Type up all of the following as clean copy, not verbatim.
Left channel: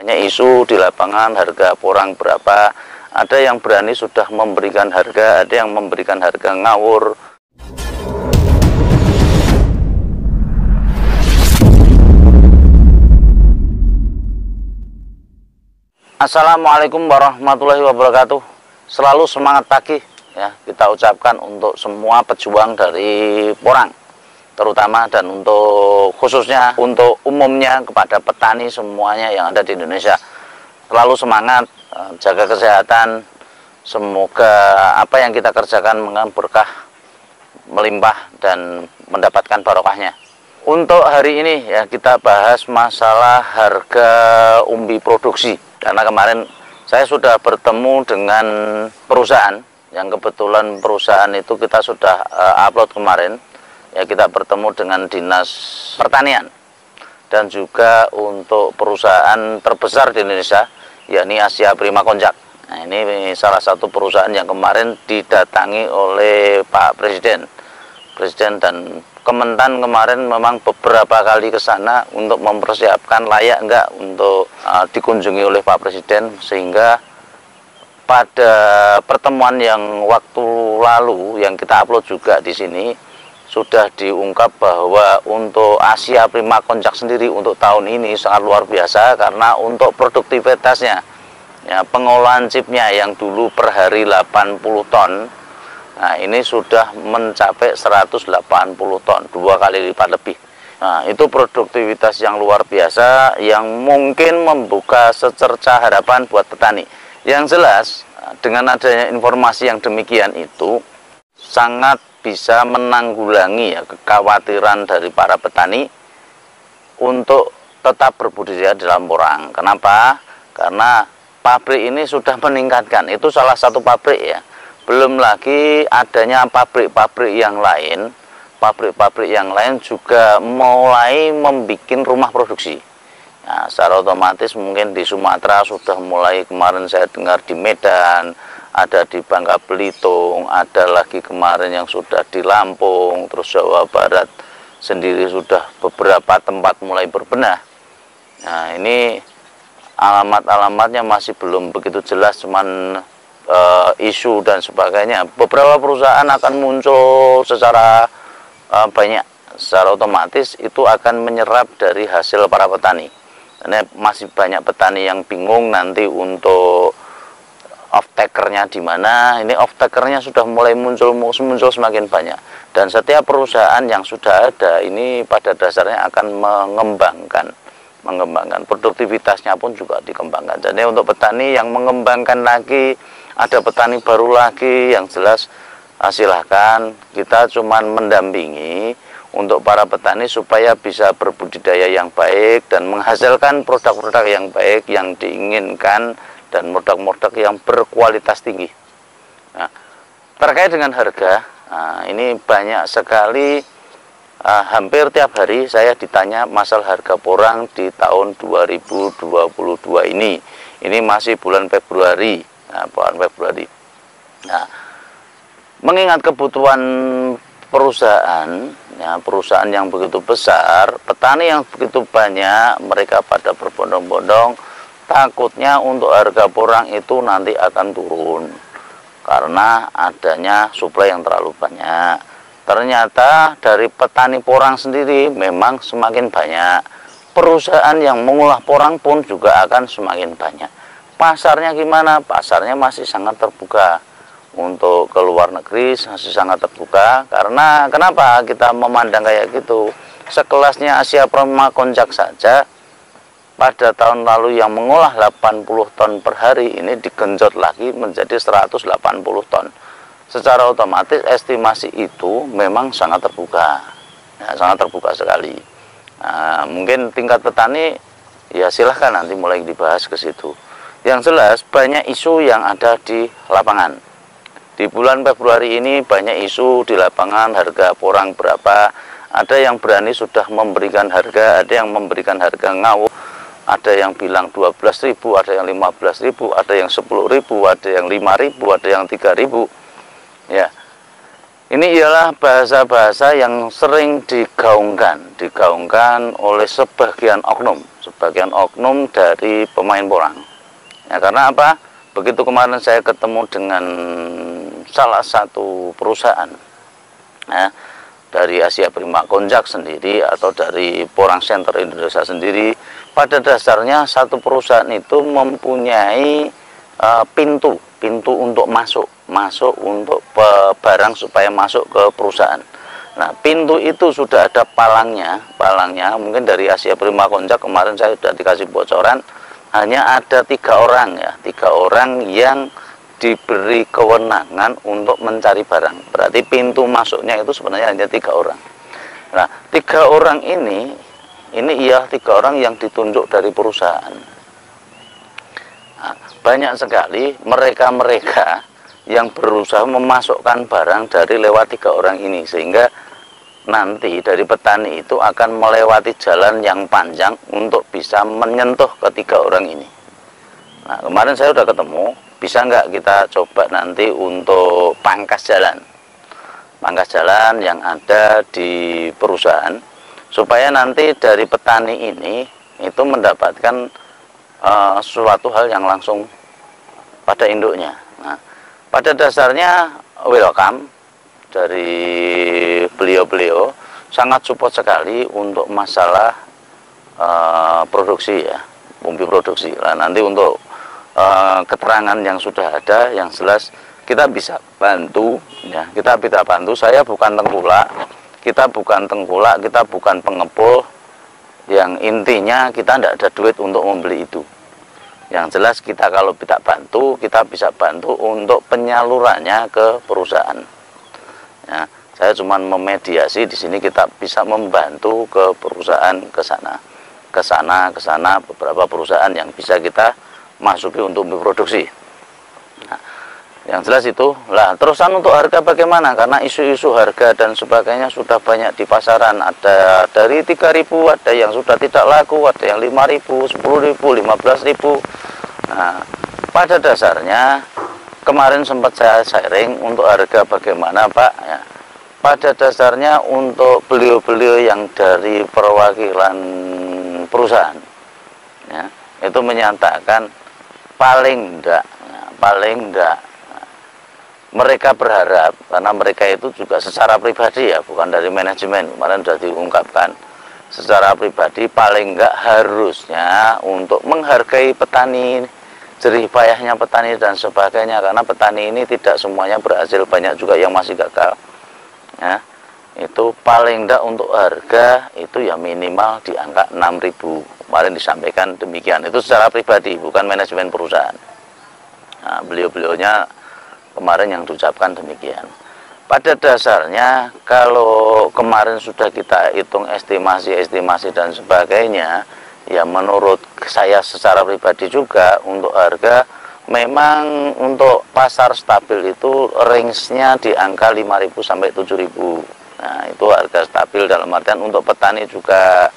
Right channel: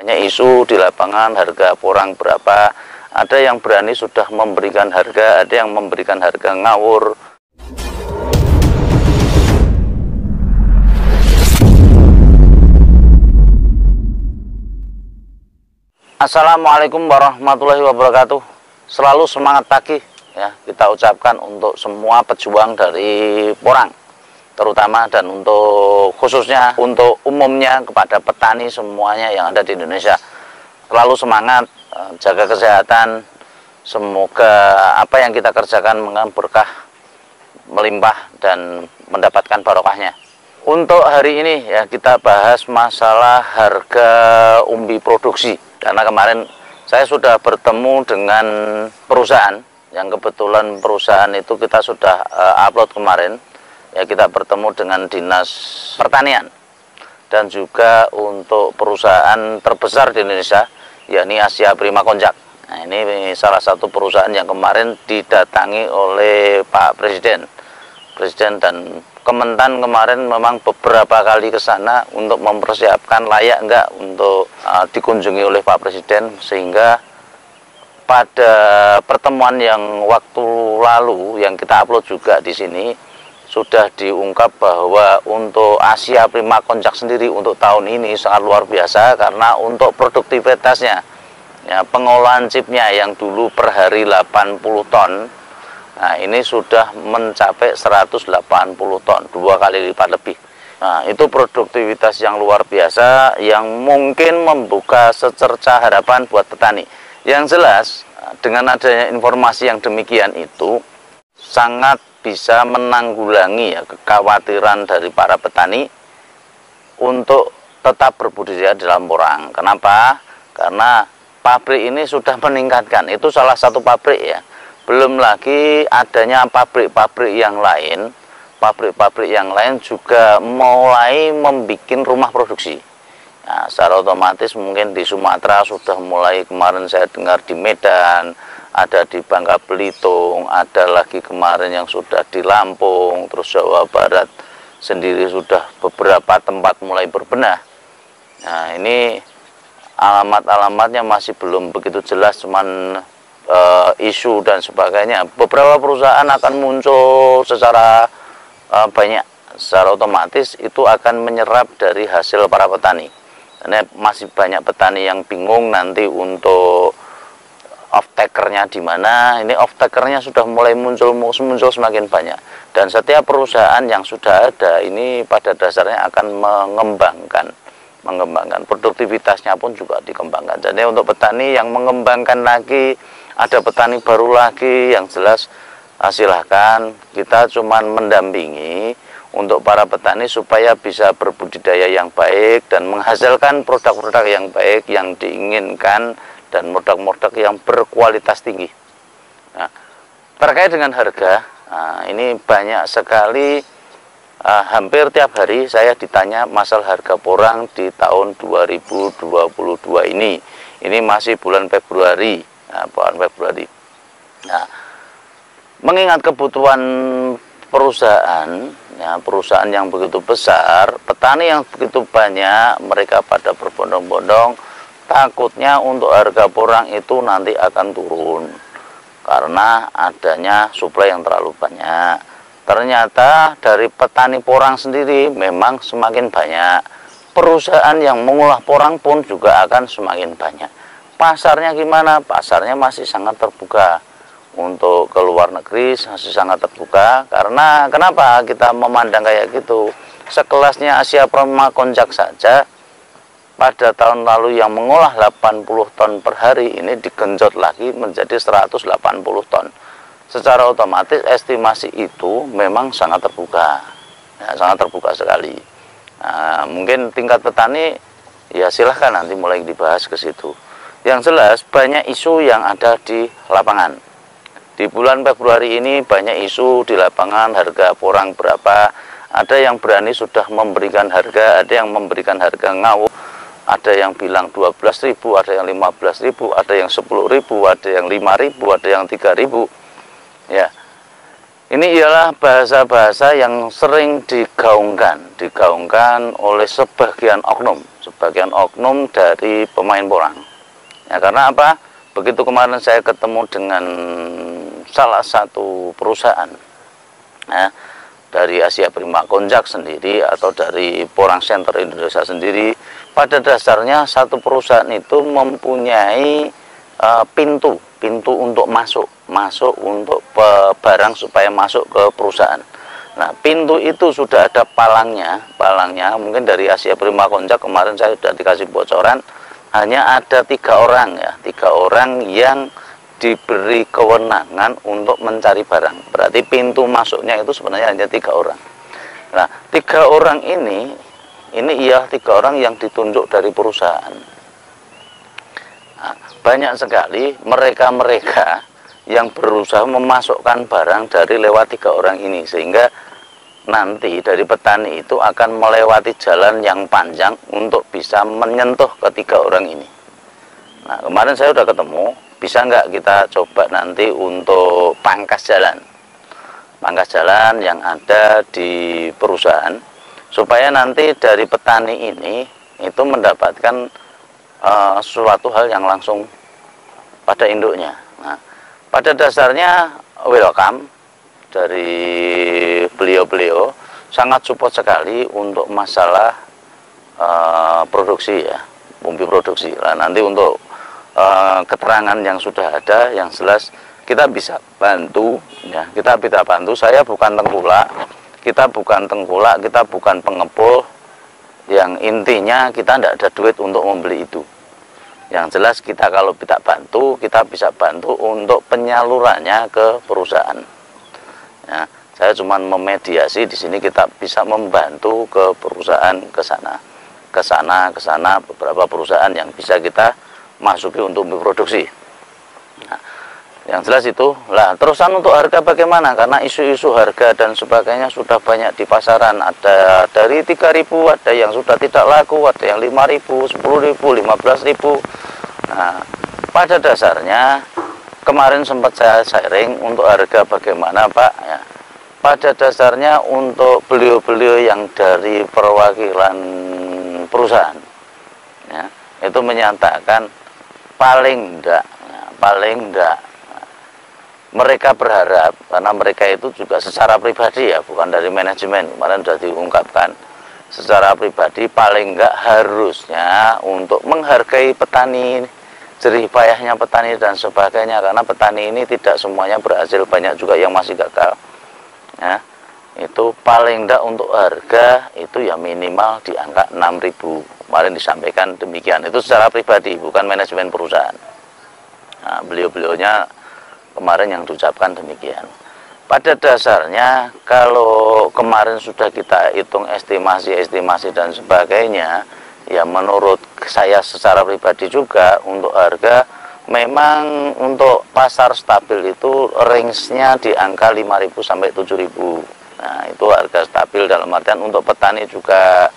Banyak isu di lapangan, harga porang berapa, ada yang berani sudah memberikan harga, ada yang memberikan harga ngawur. Assalamualaikum warahmatullahi wabarakatuh. Selalu semangat pagi ya kita ucapkan untuk semua pejuang dari porang, terutama dan untuk khususnya untuk umumnya kepada petani semuanya yang ada di Indonesia. Selalu semangat, jaga kesehatan, semoga apa yang kita kerjakan mengalami berkah, melimpah dan mendapatkan barokahnya. Untuk hari ini ya kita bahas masalah harga umbi produksi, karena kemarin saya sudah bertemu dengan perusahaan yang kebetulan perusahaan itu kita sudah upload kemarin. Ya, kita bertemu dengan Dinas Pertanian dan juga untuk perusahaan terbesar di Indonesia, yakni Asia Prima Konjak. Nah, ini salah satu perusahaan yang kemarin didatangi oleh Pak Presiden dan Kementan kemarin memang beberapa kali ke sana untuk mempersiapkan layak enggak untuk dikunjungi oleh Pak Presiden, sehingga pada pertemuan yang waktu lalu yang kita upload juga di sini sudah diungkap bahwa untuk Asia Prima Konjak sendiri untuk tahun ini sangat luar biasa, karena untuk produktivitasnya ya, pengolahan chipnya yang dulu per hari 80 ton, nah ini sudah mencapai 180 ton, 2 kali lipat lebih. Nah, itu produktivitas yang luar biasa yang mungkin membuka secerca harapan buat petani. Yang jelas dengan adanya informasi yang demikian itu sangat bisa menanggulangi ya kekhawatiran dari para petani untuk tetap berbudidaya dalam porang. Kenapa? Karena pabrik ini sudah meningkatkan, itu salah satu pabrik ya. Belum lagi adanya pabrik-pabrik yang lain, pabrik-pabrik yang lain juga mulai membuat rumah produksi. Nah, secara otomatis mungkin di Sumatera sudah mulai, kemarin saya dengar di Medan, ada di Bangka Belitung, ada lagi kemarin yang sudah di Lampung, terus Jawa Barat sendiri sudah beberapa tempat mulai berbenah. Nah, ini alamat-alamatnya masih belum begitu jelas, cuman isu dan sebagainya. Beberapa perusahaan akan muncul secara banyak, secara otomatis itu akan menyerap dari hasil para petani. Karena masih banyak petani yang bingung nanti untuk off-takernya di mana. Ini off-takernya sudah mulai muncul semakin banyak, dan setiap perusahaan yang sudah ada ini pada dasarnya akan mengembangkan produktivitasnya pun juga dikembangkan. Jadi untuk petani yang mengembangkan lagi, ada petani baru lagi, yang jelas silahkan, kita cuman mendampingi untuk para petani supaya bisa berbudidaya yang baik dan menghasilkan produk-produk yang baik yang diinginkan dan produk-produk yang berkualitas tinggi. Nah, terkait dengan harga, ini banyak sekali, hampir tiap hari saya ditanya masalah harga porang di tahun 2022 ini. Ini masih bulan Februari. Nah, mengingat kebutuhan perusahaan, ya, perusahaan yang begitu besar, petani yang begitu banyak, mereka pada berbondong-bondong, takutnya untuk harga porang itu nanti akan turun karena adanya suplai yang terlalu banyak. Ternyata dari petani porang sendiri memang semakin banyak, perusahaan yang mengolah porang pun juga akan semakin banyak. Pasarnya gimana? Pasarnya masih sangat terbuka. Untuk ke luar negeri masih sangat terbuka. Karena kenapa kita memandang kayak gitu? Sekelasnya Asia Prima Konjak saja pada tahun lalu yang mengolah 80 ton per hari, ini digenjot lagi menjadi 180 ton. Secara otomatis estimasi itu memang sangat terbuka, ya, sangat terbuka sekali. Nah, mungkin tingkat petani ya silahkan nanti mulai dibahas ke situ. Yang jelas banyak isu yang ada di lapangan. Di bulan Februari ini banyak isu di lapangan, harga porang berapa, ada yang berani sudah memberikan harga, ada yang memberikan harga ngawur, ada yang bilang 12.000, ada yang 15.000, ada yang 10.000, ada yang 5.000, ada yang 3.000. Ya. Ini ialah bahasa-bahasa yang sering digaungkan oleh sebagian oknum dari pemain porang. Ya, karena apa? Begitu kemarin saya ketemu dengan salah satu perusahaan, ya, dari Asia Prima Konjak sendiri atau dari Porang Center Indonesia sendiri, pada dasarnya satu perusahaan itu mempunyai pintu untuk masuk untuk barang supaya masuk ke perusahaan. Nah, pintu itu sudah ada palangnya mungkin dari Asia Prima Konjak kemarin saya sudah dikasih bocoran, hanya ada 3 orang ya, 3 orang yang diberi kewenangan untuk mencari barang. Berarti pintu masuknya itu sebenarnya hanya 3 orang. Nah, 3 orang ini ia 3 orang yang ditunjuk dari perusahaan. Nah, banyak sekali mereka yang berusaha memasukkan barang dari lewat 3 orang ini, sehingga nanti dari petani itu akan melewati jalan yang panjang untuk bisa menyentuh ke 3 orang ini. Nah, kemarin saya sudah ketemu, bisa nggak kita coba nanti untuk pangkas jalan yang ada di perusahaan, supaya nanti dari petani ini itu mendapatkan suatu hal yang langsung pada induknya. Nah, pada dasarnya welcome dari beliau sangat support sekali untuk masalah produksi ya, bumbu produksi. Nah, nanti untuk keterangan yang sudah ada, yang jelas kita bisa bantu ya, kita bisa bantu. Saya bukan tengkulak, kita bukan pengepul. Yang intinya kita tidak ada duit untuk membeli itu. Yang jelas kita kalau kita bisa bantu untuk penyalurannya ke perusahaan. Ya, saya cuma memediasi di sini, kita bisa membantu ke perusahaan ke sana beberapa perusahaan yang bisa kita masuki untuk memproduksi. Nah, yang jelas itu lah. Terusan untuk harga bagaimana? Karena isu-isu harga dan sebagainya sudah banyak di pasaran. Ada dari 3.000, ada yang sudah tidak laku, ada yang 5.000, 10.000, 15.000. Nah, pada dasarnya kemarin sempat saya sharing untuk harga bagaimana Pak ya. Pada dasarnya untuk beliau-beliau yang dari perwakilan perusahaan ya, itu menyatakan paling enggak mereka berharap, karena mereka itu juga secara pribadi ya, bukan dari manajemen, kemarin sudah diungkapkan, secara pribadi paling enggak harusnya untuk menghargai petani, jerih payahnya petani dan sebagainya, karena petani ini tidak semuanya berhasil, banyak juga yang masih gagal ya. Itu paling enggak untuk harga itu ya minimal di angka 6.000, kemarin disampaikan demikian. Itu secara pribadi, bukan manajemen perusahaan. Nah, beliau-beliaunya kemarin yang diucapkan demikian. Pada dasarnya kalau kemarin sudah kita hitung estimasi dan sebagainya, ya menurut saya secara pribadi juga untuk harga memang untuk pasar stabil itu range-nya di angka 5.000 sampai 7.000. Nah, itu harga stabil dalam artian untuk petani juga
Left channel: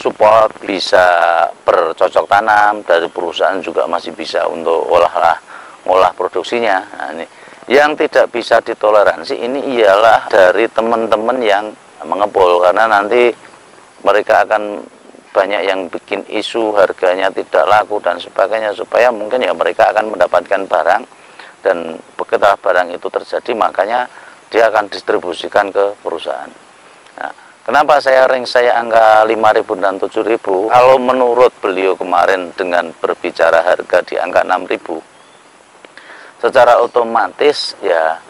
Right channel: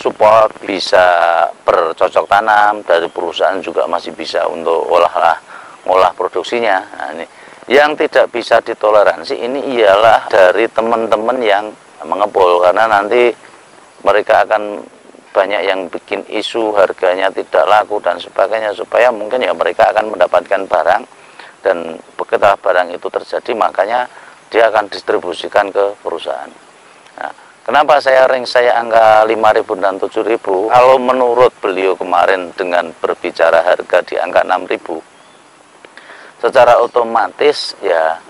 support, bisa bercocok tanam, dari perusahaan juga masih bisa untuk olah produksinya. Nah, ini yang tidak bisa ditoleransi ini ialah dari teman-teman yang mengepul, karena nanti mereka akan banyak yang bikin isu harganya tidak laku dan sebagainya, supaya mungkin ya mereka akan mendapatkan barang, dan begitu barang itu terjadi makanya dia akan distribusikan ke perusahaan. Nah, kenapa saya angka 5.000 dan 7.000? Kalau menurut beliau kemarin dengan berbicara harga di angka 6.000, secara otomatis ya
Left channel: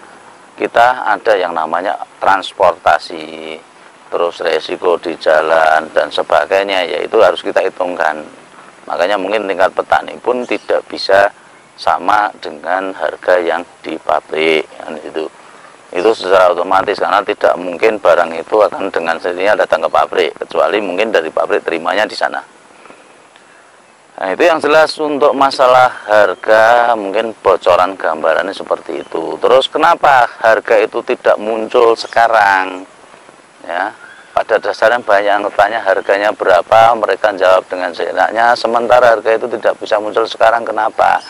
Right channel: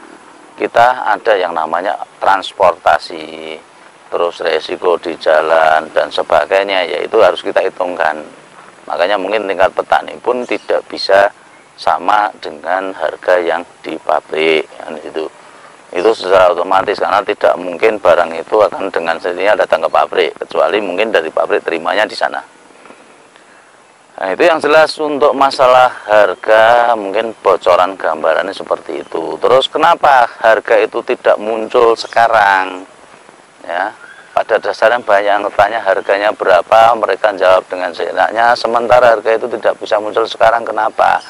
kita ada yang namanya transportasi, terus resiko di jalan dan sebagainya, yaitu harus kita hitungkan. Makanya mungkin tingkat petani pun tidak bisa sama dengan harga yang di pabrik kan, itu secara otomatis, karena tidak mungkin barang itu akan dengan sendirinya datang ke pabrik, kecuali mungkin dari pabrik terimanya di sana. Nah, itu yang jelas untuk masalah harga, mungkin bocoran gambarannya seperti itu. Terus kenapa harga itu tidak muncul sekarang? Ya, pada dasarnya banyak yang bertanya harganya berapa, mereka jawab dengan seenaknya, sementara harga itu tidak bisa muncul sekarang. Kenapa?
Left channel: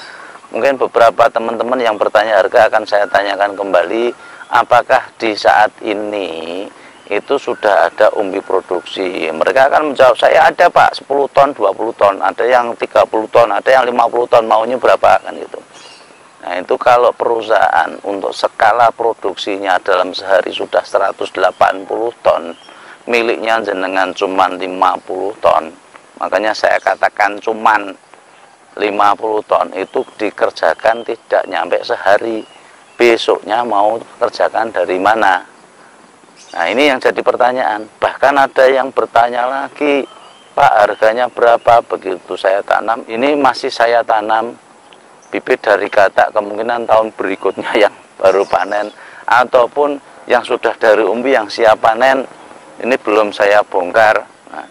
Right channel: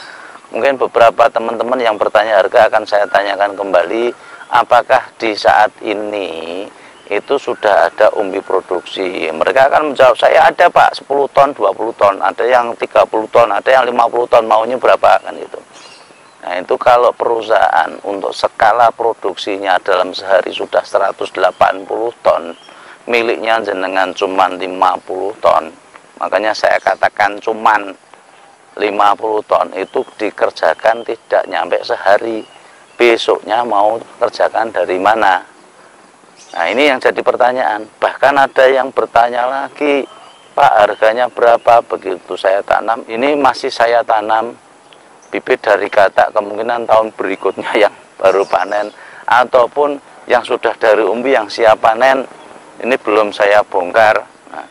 Mungkin beberapa teman-teman yang bertanya harga akan saya tanyakan kembali, apakah di saat ini itu sudah ada umbi produksi? Mereka akan menjawab, saya ada Pak, 10 ton, 20 ton, ada yang 30 ton, ada yang 50 ton, maunya berapa, kan gitu. Nah itu kalau perusahaan untuk skala produksinya dalam sehari sudah 180 ton, miliknya jenengan cuman 50 ton, makanya saya katakan cuman 50 ton itu dikerjakan tidak nyampe sehari, besoknya mau kerjakan dari mana? Nah ini yang jadi pertanyaan. Bahkan ada yang bertanya lagi, Pak harganya berapa? Begitu saya tanam, ini masih saya tanam bibit dari katak, kemungkinan tahun berikutnya yang baru panen, ataupun yang sudah dari umbi yang siap panen, ini belum saya bongkar. Nah,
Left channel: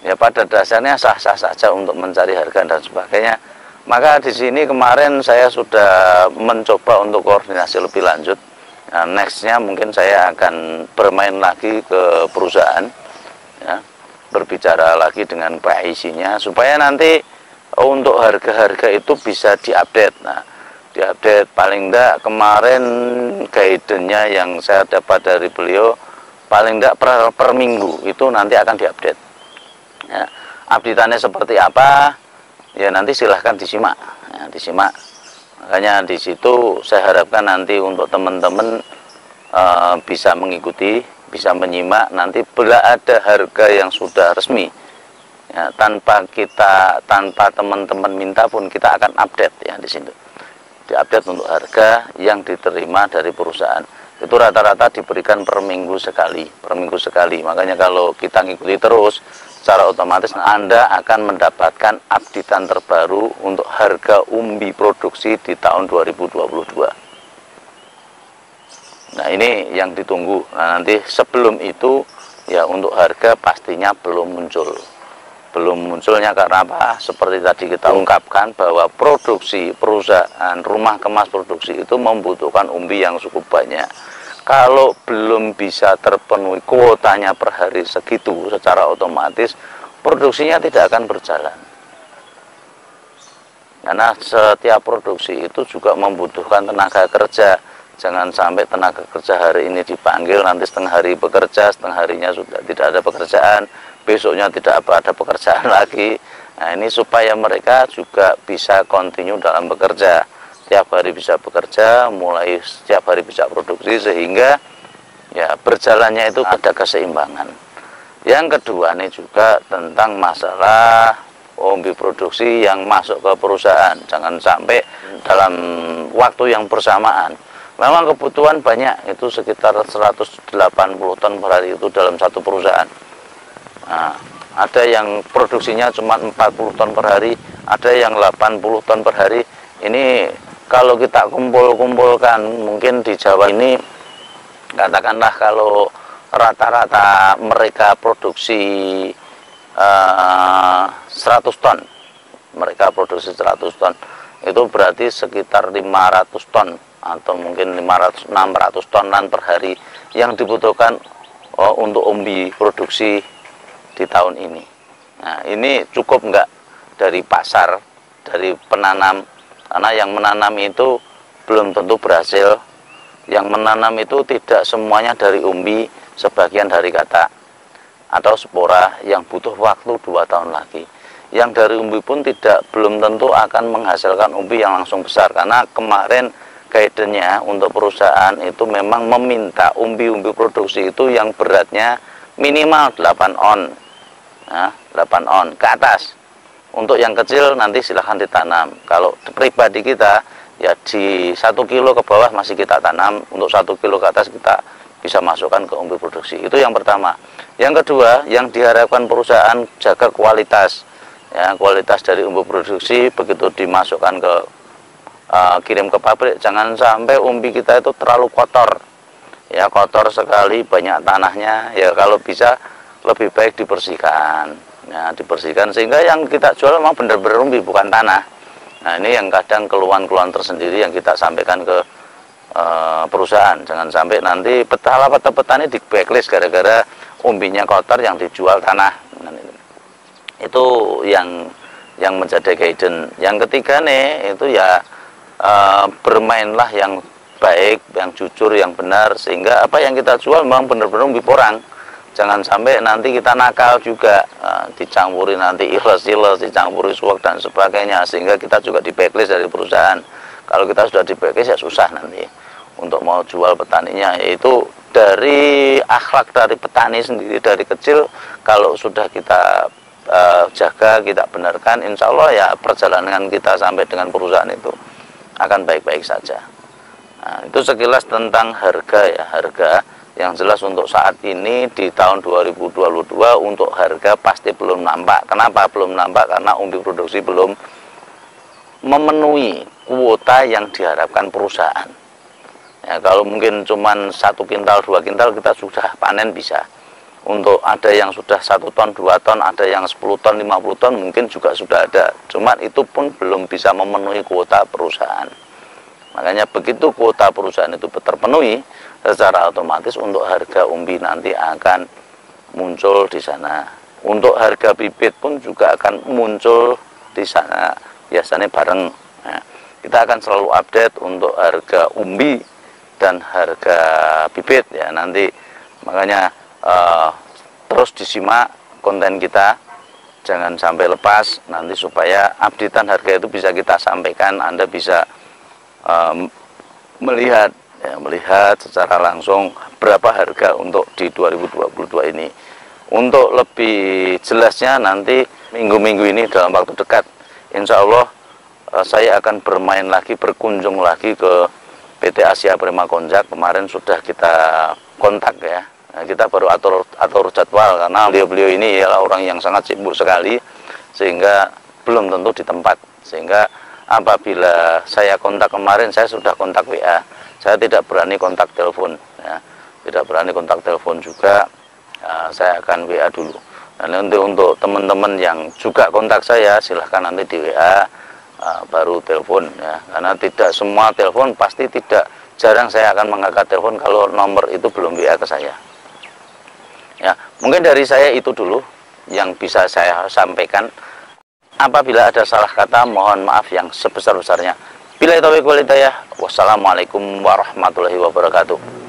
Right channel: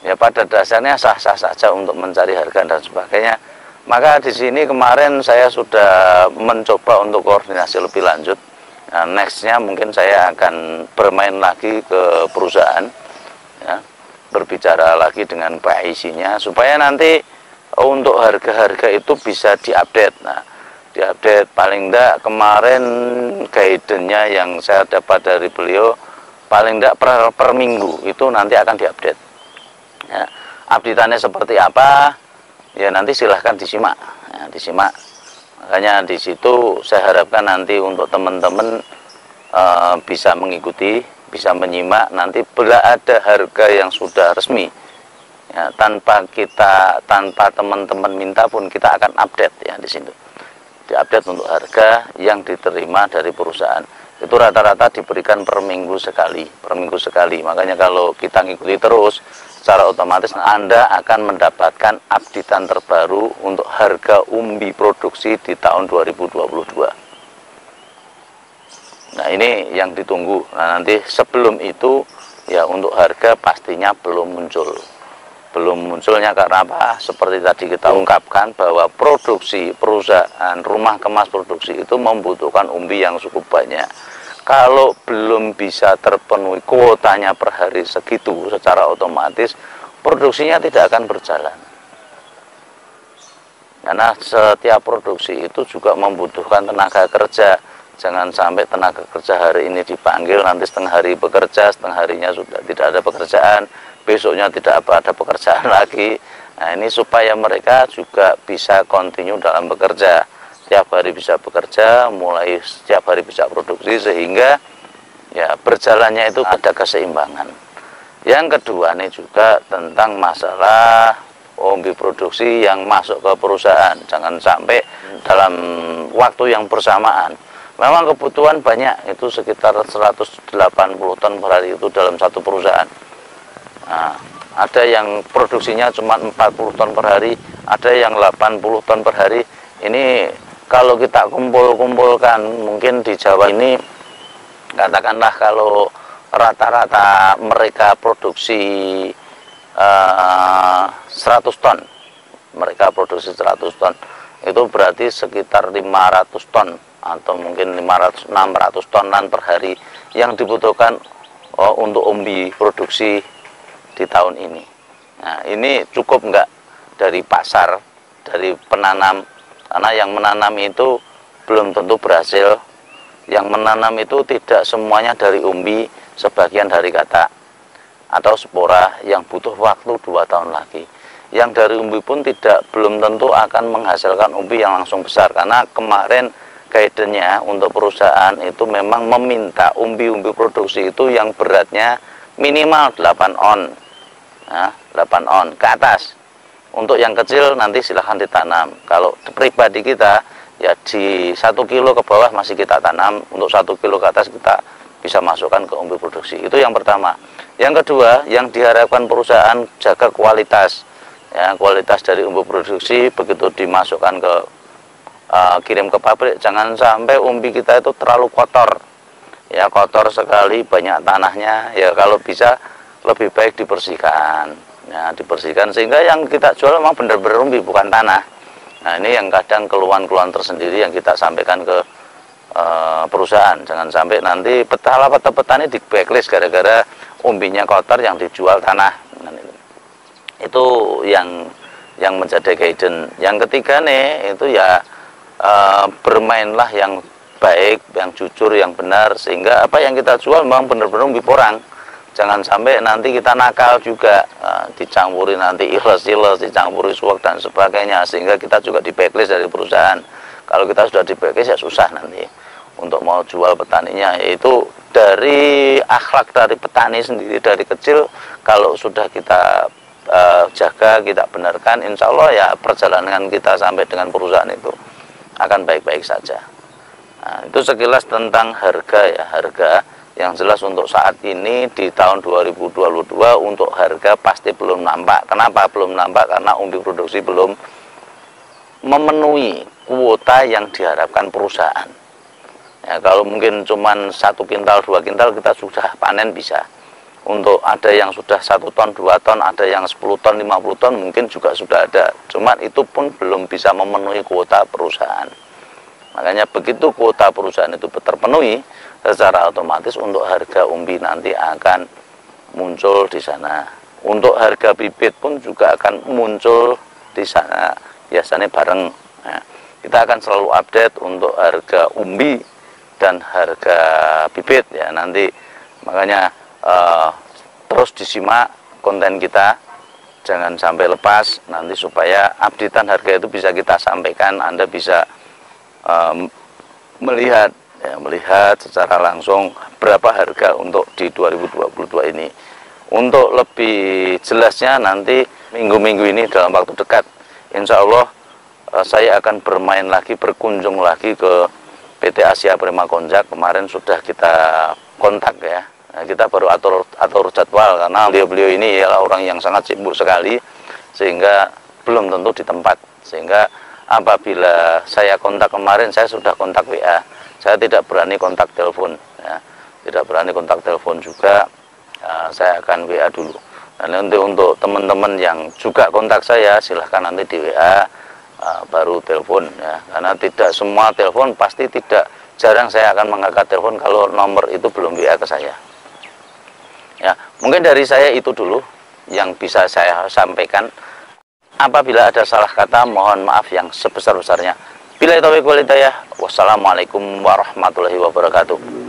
ya pada dasarnya sah-sah saja untuk mencari harga dan sebagainya. Maka di sini kemarin saya sudah mencoba untuk koordinasi lebih lanjut. Nah, nextnya mungkin saya akan bermain lagi ke perusahaan, ya, berbicara lagi dengan PIC-nya supaya nanti untuk harga-harga itu bisa diupdate. Nah, diupdate paling enggak kemarin guidance-nya yang saya dapat dari beliau paling enggak per minggu itu nanti akan diupdate. Ya, update-annya seperti apa? Ya nanti silahkan disimak. Ya, disimak. Makanya di situ saya harapkan nanti untuk teman-teman bisa mengikuti, bisa menyimak nanti bila ada harga yang sudah resmi. Ya, tanpa teman-teman minta pun kita akan update ya di situ. Diupdate untuk harga yang diterima dari perusahaan. Itu rata-rata diberikan per minggu sekali, Makanya kalau kita ngikuti terus, secara otomatis Anda akan mendapatkan updatean terbaru untuk harga umbi produksi di tahun 2022. Nah, ini yang ditunggu. Nah, nanti sebelum itu ya untuk harga pastinya belum muncul. Belum munculnya karena apa? Seperti tadi kita ungkapkan bahwa produksi perusahaan rumah kemas produksi itu membutuhkan umbi yang cukup banyak. Kalau belum bisa terpenuhi kuotanya per hari segitu, secara otomatis produksinya tidak akan berjalan. Karena setiap produksi itu juga membutuhkan tenaga kerja. Jangan sampai tenaga kerja hari ini dipanggil, nanti setengah hari bekerja, setengah harinya sudah tidak ada pekerjaan, besoknya tidak ada pekerjaan lagi. Nah ini supaya mereka juga bisa continue dalam bekerja, setiap hari bisa bekerja, mulai setiap hari bisa produksi, sehingga ya berjalannya itu ada keseimbangan. Yang kedua ini juga tentang masalah umbi produksi yang masuk ke perusahaan. Jangan sampai dalam waktu yang bersamaan, memang kebutuhan banyak, itu sekitar 180 ton per hari itu dalam satu perusahaan. Nah, ada yang produksinya cuma 40 ton per hari, ada yang 80 ton per hari. Ini kalau kita kumpul-kumpulkan, mungkin di Jawa ini katakanlah kalau rata-rata mereka produksi 100 ton, mereka produksi 100 ton, itu berarti sekitar 500 ton atau mungkin 500-600 tonan per hari yang dibutuhkan untuk umbi produksi di tahun ini. Nah, ini cukup enggak dari pasar, dari penanam, karena yang menanam itu belum tentu berhasil. Yang menanam itu tidak semuanya dari umbi, sebagian dari katak atau spora yang butuh waktu 2 tahun lagi. Yang dari umbi pun belum tentu akan menghasilkan umbi yang langsung besar, karena kemarin guidance-nya untuk perusahaan itu memang meminta umbi-umbi produksi itu yang beratnya minimal 8 on. Nah, 8 on ke atas. Untuk yang kecil nanti silahkan ditanam. Kalau pribadi kita ya di 1 kilo ke bawah masih kita tanam, untuk 1 kilo ke atas kita bisa masukkan ke umbi produksi. Itu yang pertama. Yang kedua, yang diharapkan perusahaan jaga kualitas. Ya, kualitas dari umbi produksi begitu dimasukkan ke kirim ke pabrik, jangan sampai umbi kita itu terlalu kotor. Ya, kotor sekali, banyak tanahnya. Ya, kalau bisa lebih baik dibersihkan. Ya, dibersihkan sehingga yang kita jual memang benar-benar umbi, bukan tanah. Nah, ini yang kadang keluhan-keluhan tersendiri yang kita sampaikan ke perusahaan. Jangan sampai nanti petani di backlist gara-gara umbinya kotor yang dijual tanah. Nah, itu yang menjadi guidance. Yang ketiga nih itu ya bermainlah yang baik, yang jujur, yang benar, sehingga apa yang kita jual memang benar-benar umbi porang. Jangan sampai nanti kita nakal juga, dicampuri nanti ikhlas-ikhlas, dicampuri suwak dan sebagainya, sehingga kita juga di blacklist dari perusahaan. Kalau kita sudah di blacklist ya susah nanti untuk mau jual petaninya. Yaitu dari akhlak dari petani sendiri dari kecil, kalau sudah kita jaga, kita benarkan, insya Allah ya perjalanan kita sampai dengan perusahaan itu akan baik-baik saja. Nah, itu sekilas tentang harga ya, harga yang jelas untuk saat ini di tahun 2022 untuk harga pasti belum nampak. Kenapa belum nampak? Karena umbi produksi belum memenuhi kuota yang diharapkan perusahaan. Ya, kalau mungkin cuma 1 kintal, 2 kintal kita sudah panen bisa. Untuk ada yang sudah 1 ton, 2 ton, ada yang 10 ton, 50 ton mungkin juga sudah ada. Cuma itu pun belum bisa memenuhi kuota perusahaan. Makanya begitu kuota perusahaan itu terpenuhi, secara otomatis untuk harga umbi nanti akan muncul di sana. Untuk harga bibit pun juga akan muncul di sana, biasanya bareng. Nah, kita akan selalu update untuk harga umbi dan harga bibit ya nanti. Makanya terus disimak konten kita, jangan sampai lepas nanti, supaya updatean harga itu bisa kita sampaikan. Anda bisa melihat secara langsung berapa harga untuk di 2022 ini. Untuk lebih jelasnya nanti minggu-minggu ini dalam waktu dekat, insya Allah saya akan bermain lagi, berkunjung lagi ke PT Asia Prima Konjak. Kemarin sudah kita kontak ya. Nah, kita baru atur jadwal karena beliau ini ialah orang yang sangat sibuk sekali, sehingga belum tentu di tempat. Sehingga apabila saya kontak kemarin, saya sudah kontak WA, saya tidak berani kontak telepon ya. Tidak berani kontak telepon juga, saya akan WA dulu. Dan nanti untuk teman-teman yang juga kontak saya, silahkan nanti di WA baru telepon ya. Karena tidak semua telepon pasti tidak, jarang saya akan mengangkat telepon kalau nomor itu belum WA ke saya. Ya, mungkin dari saya itu dulu yang bisa saya sampaikan. Apabila ada salah kata, mohon maaf yang sebesar-besarnya. Billahi taufiq wal hidayah. Wassalamualaikum warahmatullahi wabarakatuh.